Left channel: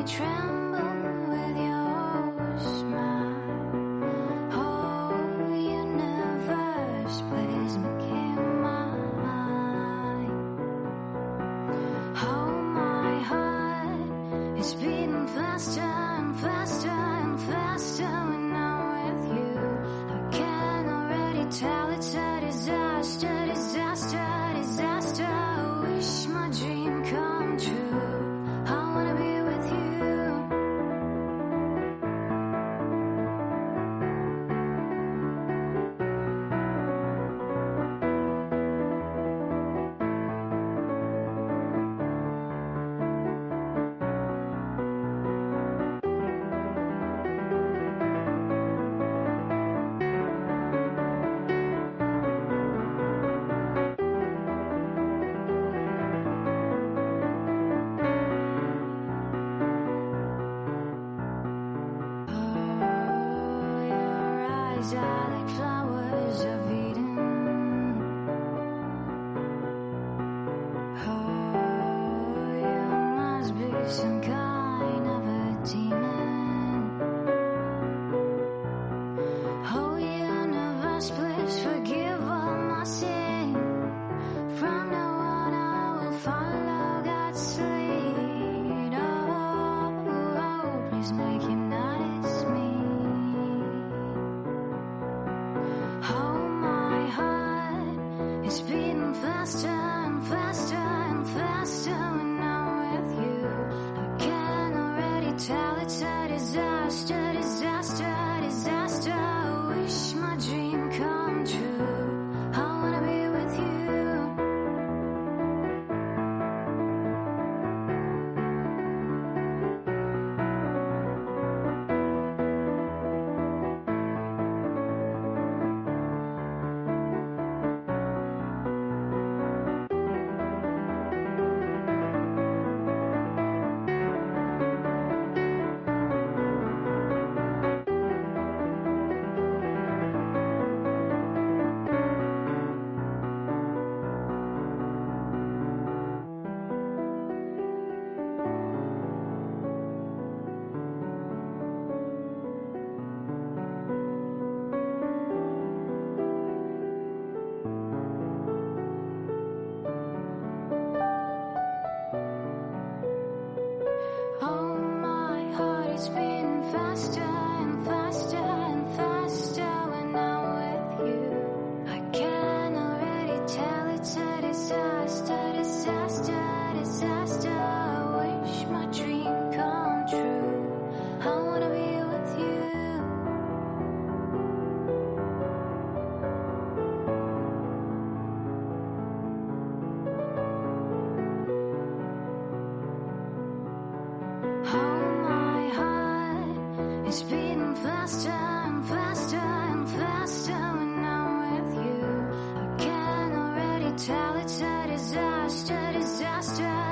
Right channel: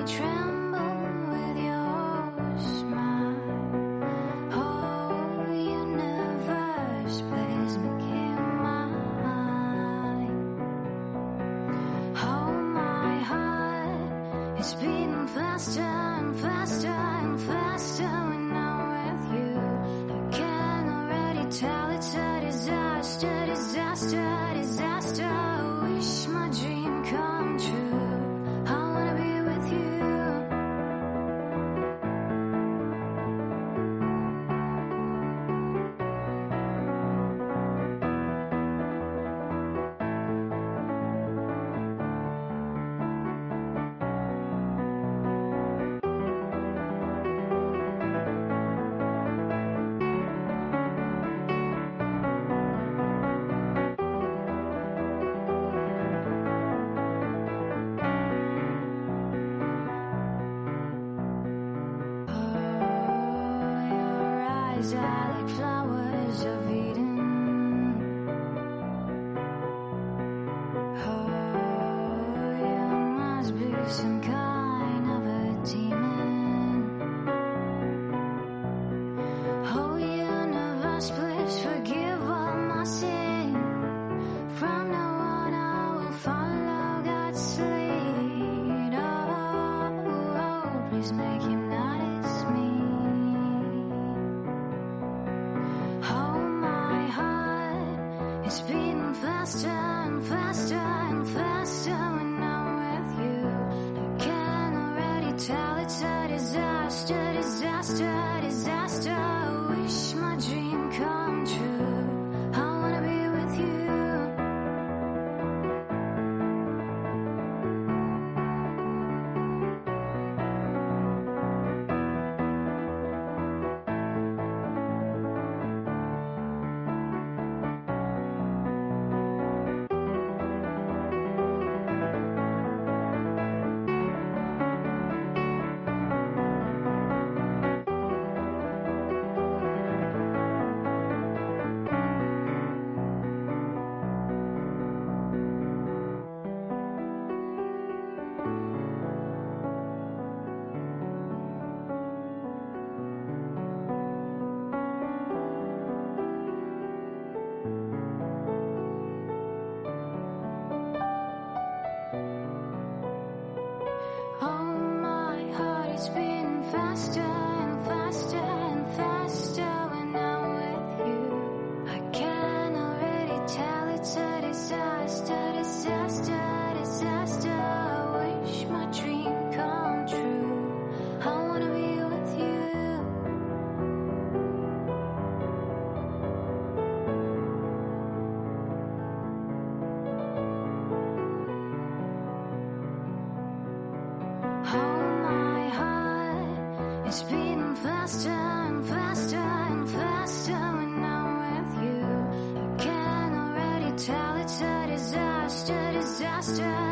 only tremble with your smile. Oh, universe, please make him mine. Oh, my heart is beating faster and faster and faster when I'm with you. I can already tell it's a disaster, disaster, disaster. I wish my dream come true. I wanna be with you. Eyes are like flowers of Eden. Oh, you must be some kind of a demon. Oh, universe, please forgive all my sin. From now on I will follow God's lead. Oh, please make him notice me. It's beating faster and faster and faster when I'm with you. I can already tell it's a disaster, disaster, disaster. I wish my dream come true. I wanna be with you. Oh, my heart is beating faster and faster and faster when I'm with you. I can already tell it's a disaster, disaster, disaster. I wish my dream come true. I wanna be with you. Oh, my heart is beating faster and faster and faster when I'm with you. I can already tell it's a disaster, disaster.